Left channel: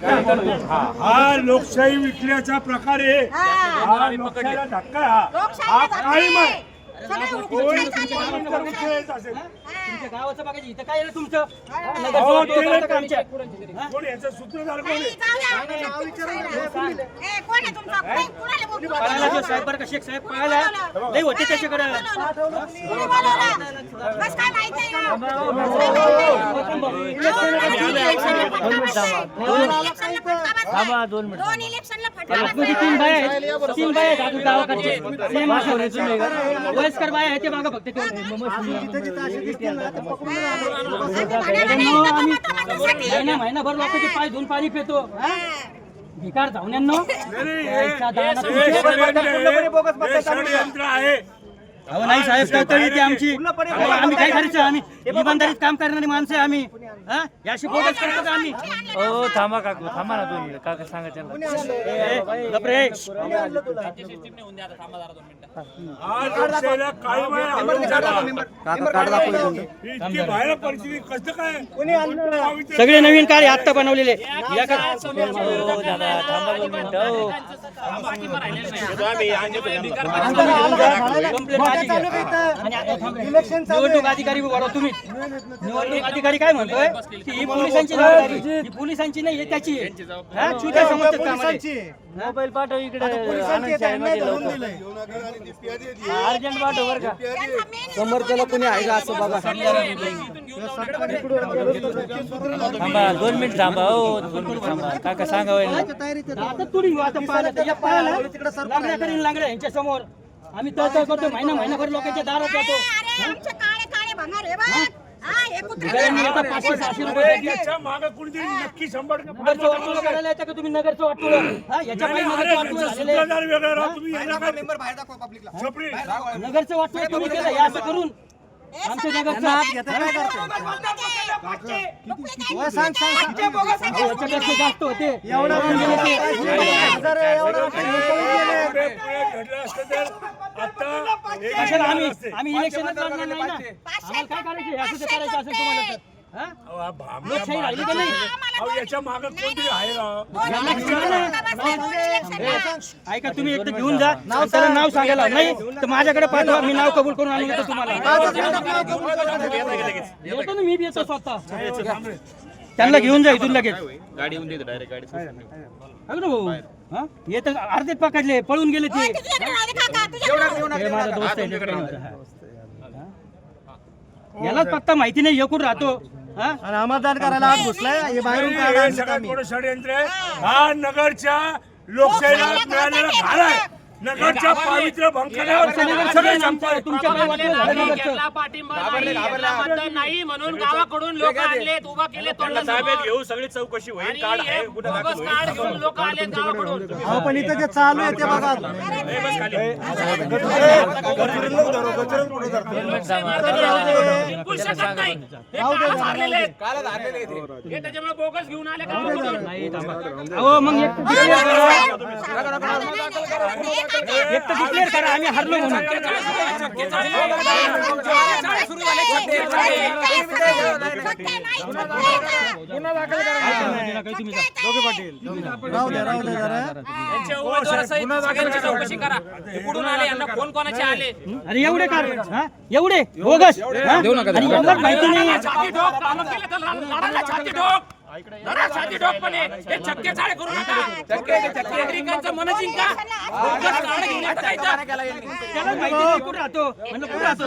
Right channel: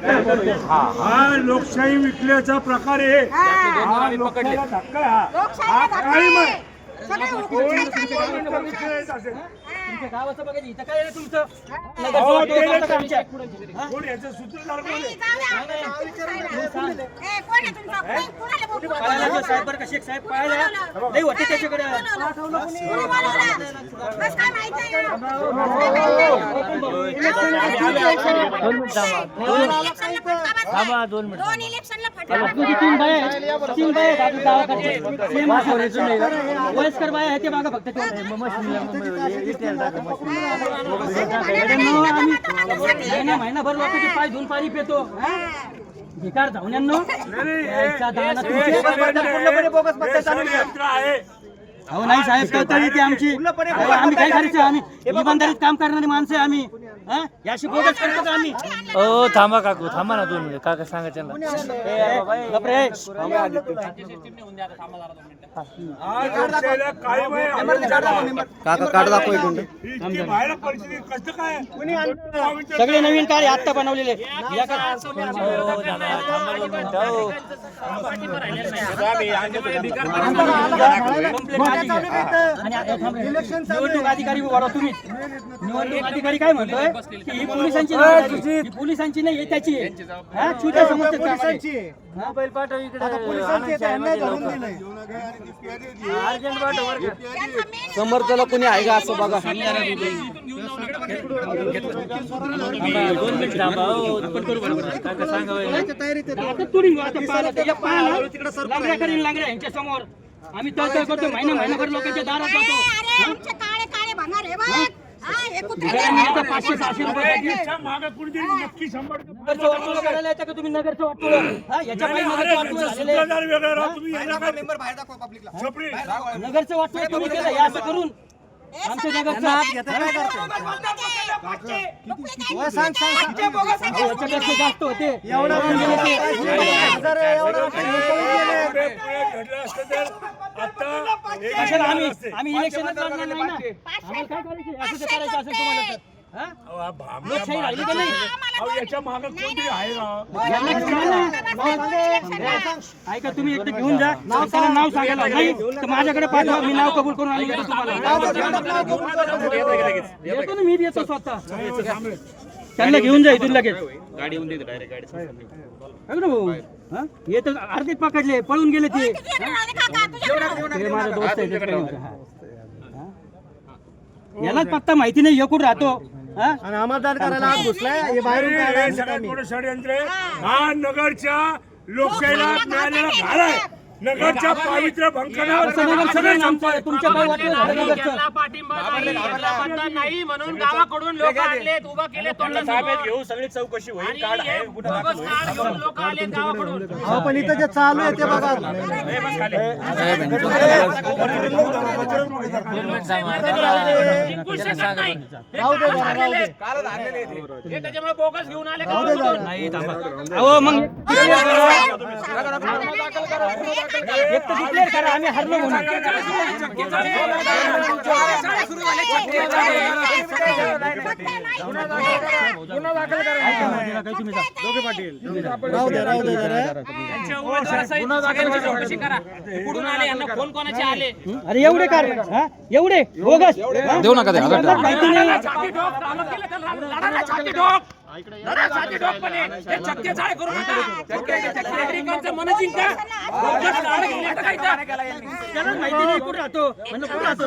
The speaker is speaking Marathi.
हा लोकशाही विकल्याचा प्रकार आहे, हा लोकशाहीला धक्का हा कायम आहे. तुमच्या गावाचं बघायचं इथं काय आहे तुमचं कोण याचं सूत्रधार कोण आहे? पळायला साहेब का शेख साहेब पळायला नाही होते त्याच्याकडे तीन बाय आहेत गावाकडचे वयस्कर बाय आहे ते मागं फक्त महिनाभर लोकांचे पाय धुवून पाणी पितो भिकार धावण्यांनो अहो नाही साहेब कळतळी ती आमची आम्ही काय करायचं आम्ही इमानदारीत काम करणारी माणसं आहे आम्ही याशी बोगस करतो का आम्ही हो थांबा काकू थांबा ना तुम्ही काका सांगा सगळे नवीन कार्य आत्ता बनवलेले निवडणूक अधिकारी तुम्ही निवडणूक अधिकारी काय म्हणतोय की ही पोलिसांची नाही त्याची मोबाईल पाठव इकडे अर्जंट पाठव बरं का समर्थला कोणी आहे का असं बघा 2 मिनिट थांबा काका सांगा लांगड्या यांच्या समोर आम्ही तळतळ करतो महिनाभर लोकांच्या दारात जातो 500-600 रुपये नक्की 100 करायला येतं का तुम्ही नगरचं वाटोळं नगरचं वाटोळं तुम्ही केलं या असं करून आमच्या नगरचं जास्त होते आम्ही इलेक्शनच लढणार नाही ना आम्हाला काय करायचं असं करायचं असेल तुम्हाला तर लोकशाही राहिली का नाही याच्या मागे कोणतरी आहे ऐका तुम्ही एकदा घेऊन जा त्याला नाव सांगायला नाही तर माझ्याकडे पाठवा मी नाव कबूल करून आणून देतो तुम्हाला येतो ना मी बी येतो स्वतः त्यांना घेऊन जा इथून लगेच गाडी येऊन देतो डायरेक्ट गाडी भाऊ हे तर अर्धे पकडले पळून गेले ते माझा दोस्त आहे यालाच फक्त माहिती नाही एकूण राहतो आणि आमादार करायला आत घुसलाय हे बाहेरून षडयंत्र हा नगरच्या लोकशाहीला मिळालेला भार आहे नगरच्या पावित्र्य भंग तुमच्या काही वाटलं नाही म्हणून गावाकडून लोक आणलेत उभा केले ताब्यात घेऊ सगळी चौकशी होईल कार्ड आहे कुठं दाखल होईल पण इथं जे चालू आहे ते बघा त्याच्यामुळे बोगस घेऊन आले एक तर डिक्लेअर करा आम्ही हरलो म्हणून अरे एवढे कार एवढे बोगस देऊ नका माहिती नाही त्याला माहिती नाही कुठं राहतो म्हणजे कुठं राहतो